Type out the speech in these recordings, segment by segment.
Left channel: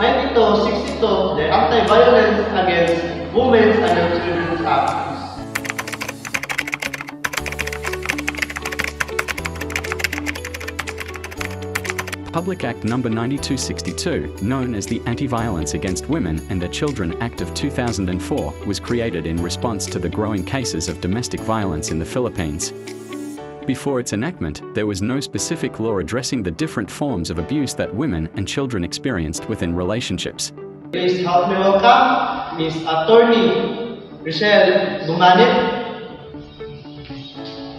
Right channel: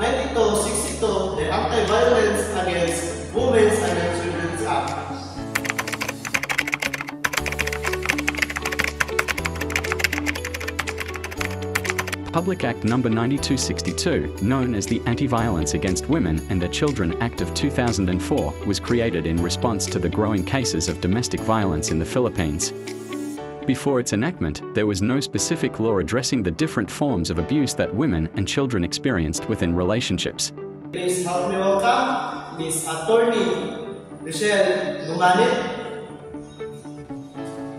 9262, the Anti-Violence Against Women and Children Act. Public Act No. 9262, known as the Anti-Violence Against Women and Children Act of 2004, was created in response to the growing cases of domestic violence in the Philippines. Before its enactment, there was no specific law addressing the different forms of abuse that women and children experienced within relationships. Please help me welcome Ms. Attorney Richelle Gumanit.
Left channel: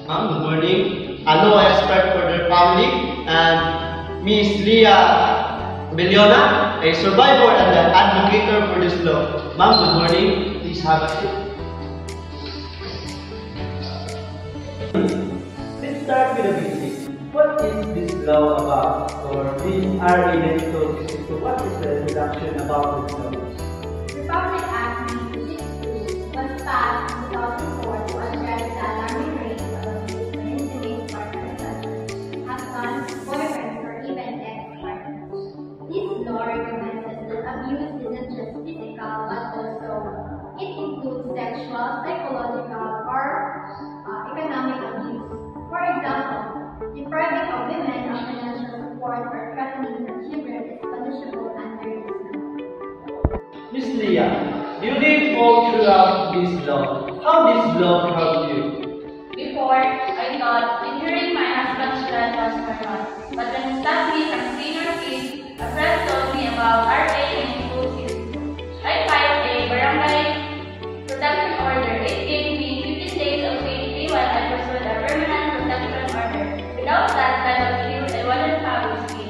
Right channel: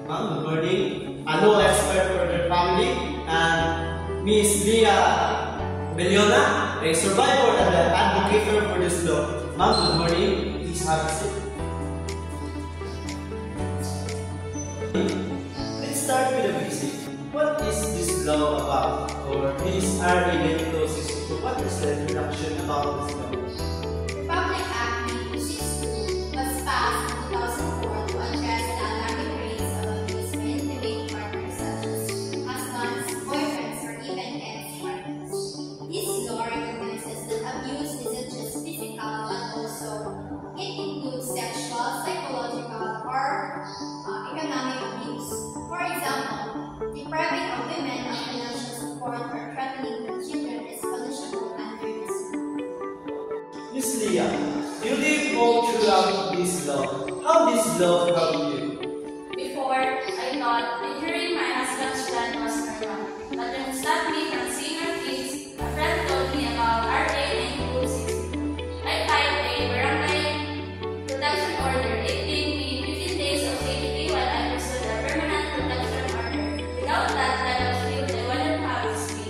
Good morning. A law expert for their family, and Ms. Leah Bellona, a survivor and an advocate for this law. Ma'am, good morning. Please have a seat. Let's start with the basics. What is this law about? Or Ms. R.A. what is the introduction about this law? The Public Act 9262 was passed in 2004 to address the alarming rates of abusement between partners such as husbands, boyfriends, or even ex-partners. This law recognizes that abuse isn't just physical but also it includes sexual, psychological, or economic abuse. For example, depriving of women of financial support or threatening their children is punishable under this law. Ms. Leah, you live all throughout this law. How this law helped you? Before, I thought injuring my husband's child was normal, but then suddenly from senior fees, a friend told me about RA 9262. I filed a barangay protection order. It gave me 15 days of safety while I pursued a permanent protection order. Without that type of shield, I wouldn't have this fee.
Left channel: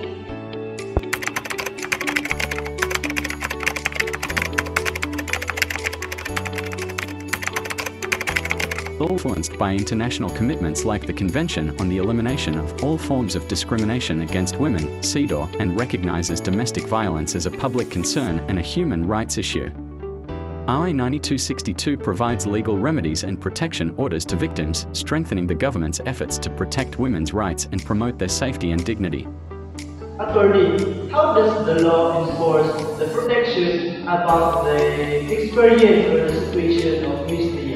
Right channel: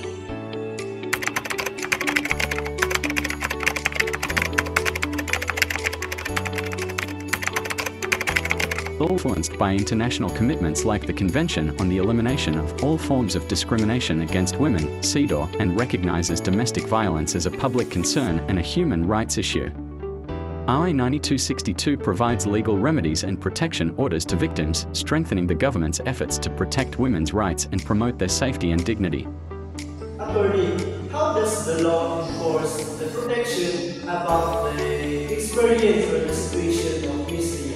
Influenced by international commitments like the Convention on the Elimination of All Forms of Discrimination Against Women, CEDAW, and recognizes domestic violence as a public concern and a human rights issue. RA 9262 provides legal remedies and protection orders to victims, strengthening the government's efforts to protect women's rights and promote their safety and dignity. Attorney, how does the law enforce the protection about the experience or the situation of Ms. Leah?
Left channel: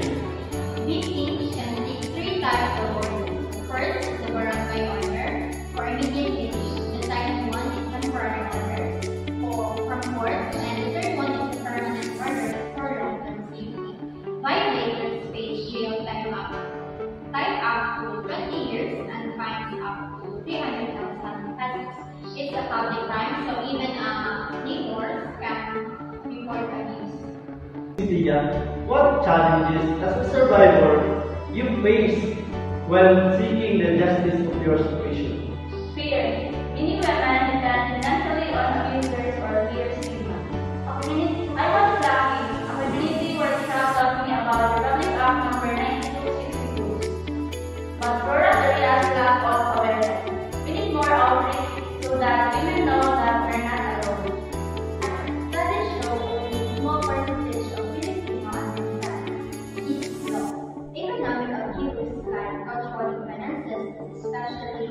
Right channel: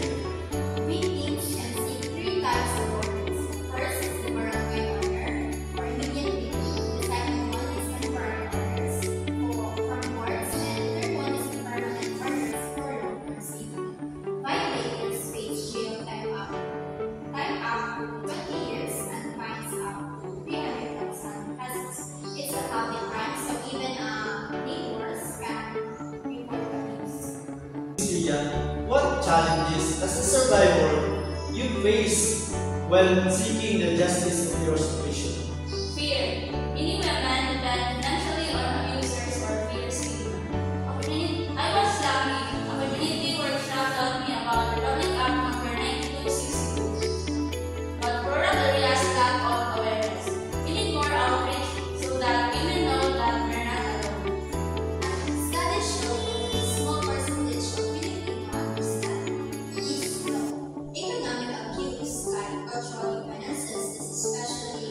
Victims can seek three types of orders. First is the barangay order, or immediate relief. The second one is temporary orders from courts, and the third one is the permanent orders for long-term safety. Violators face jail time up to 20 years and fines up to 300,000 pesos. It's a public crime, so even neighbors can report abuse. Ms. Leah, what challenges as a survivor you face when seeking the justice of your situation? Fear. Many women depend financially on abusers or fear stigma. I was lucky. A community workshop taught me about the Public Act No. 9262. But rural areas lack of awareness. We need more outreach so that women know that they're not alone. Studies show that a small percentage of Filipino understand this law. Economic abuse, like controlling finances, is especially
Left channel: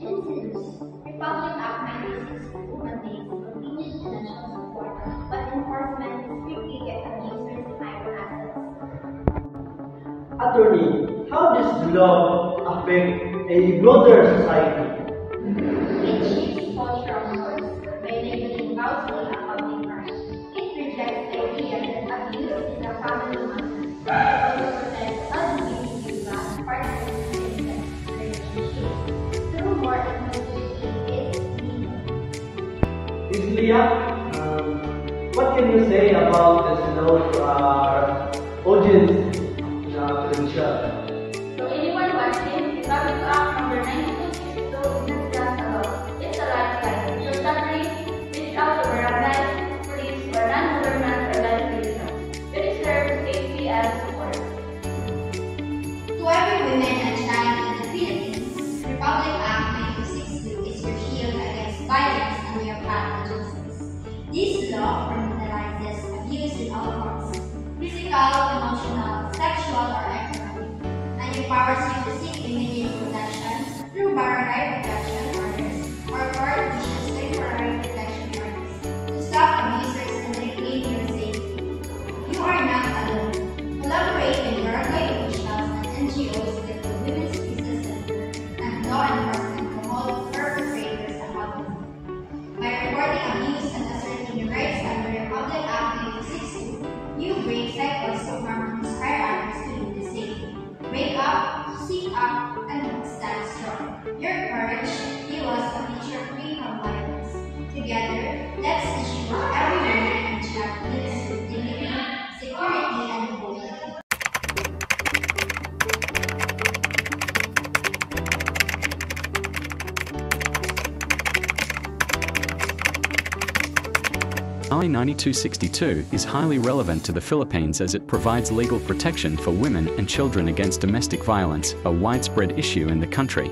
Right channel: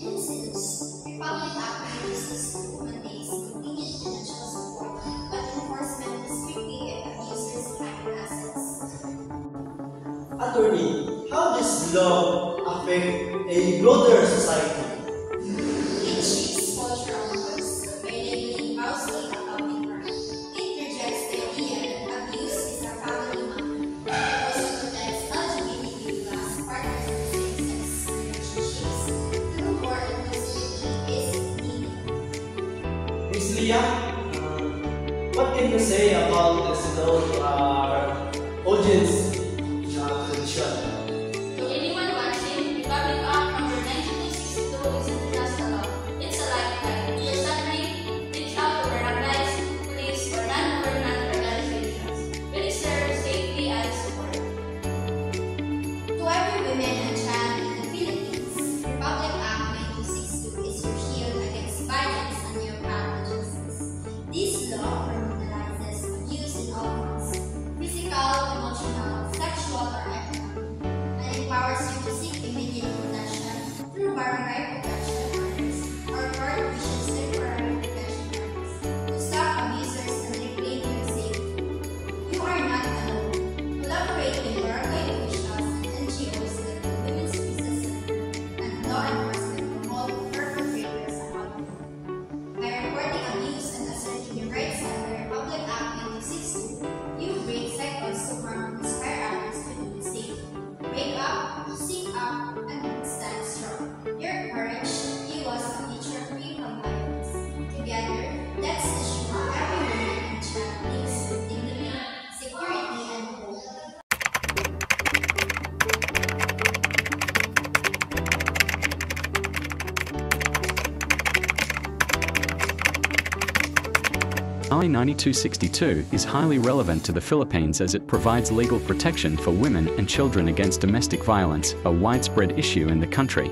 insidious. Republic Act 9262 mandates convenient financial support, but enforcement is tricky if abusers hide assets. Attorney, how does law affect a broader society? It shapes cultural norms by labeling housing a public crime. It rejects the idea that abuse is a family matter. It also protects LGBTQ+ partners in same-sex relationships. Through more inclusivity is needed. Ms. Leah, what can you say about this audience to the show? To anyone watching, Public Act No. 9262 isn't just a law, it's a lifeline. So suddenly, reach out to barangays, police, or non-governmental organizations. We deserve safety and support. To every woman and child in the Philippines, Republic Act 9262 is your shield against violence and your path to justice. This law criminalizes abuse in all forms, I-9262 is highly relevant to the Philippines as it provides legal protection for women and children against domestic violence, a widespread issue in the country.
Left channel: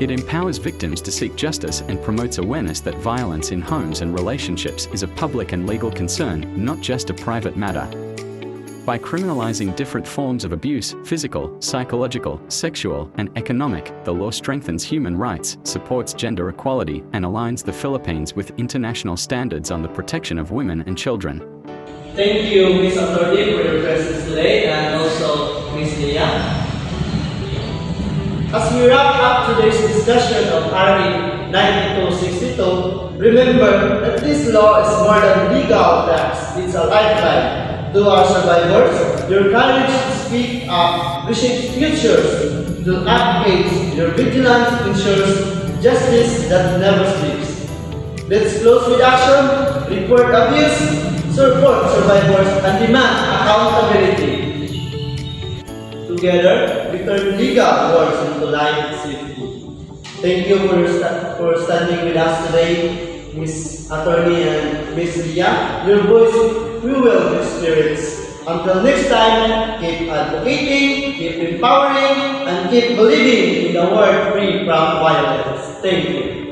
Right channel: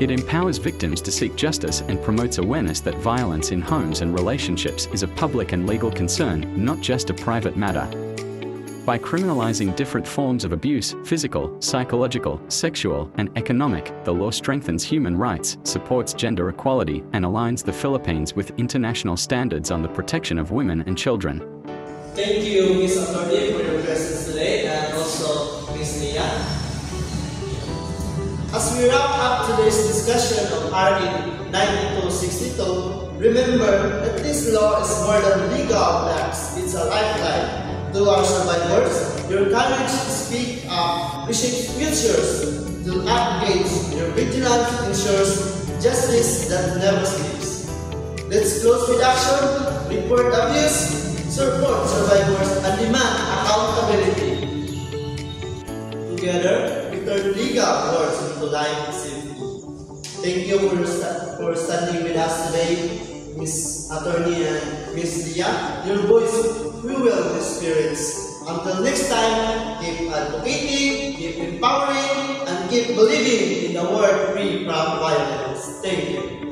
It empowers victims to seek justice and promotes awareness that violence in homes and relationships is a public and legal concern, not just a private matter. By criminalizing different forms of abuse, physical, psychological, sexual, and economic, the law strengthens human rights, supports gender equality, and aligns the Philippines with international standards on the protection of women and children. Thank you, Ms. Attorney, for your presence today, and also Ms. Lia. As we wrap up today's discussion of RE 9262, remember that this law is more than legal text, it's a lifeline. To our survivors, your courage to speak up reshapes futures. To advocate, your vigilance ensures justice that never sleeps. Let's close with action, report abuse, support survivors, and demand accountability. Together, we turn legal wars into life safety. Thank you for standing with us today, Ms. Attorney and Ms. Lia. Your voice fuel the spirits. Until next time, keep advocating, keep empowering, and keep believing in a world free from violence. Thank you.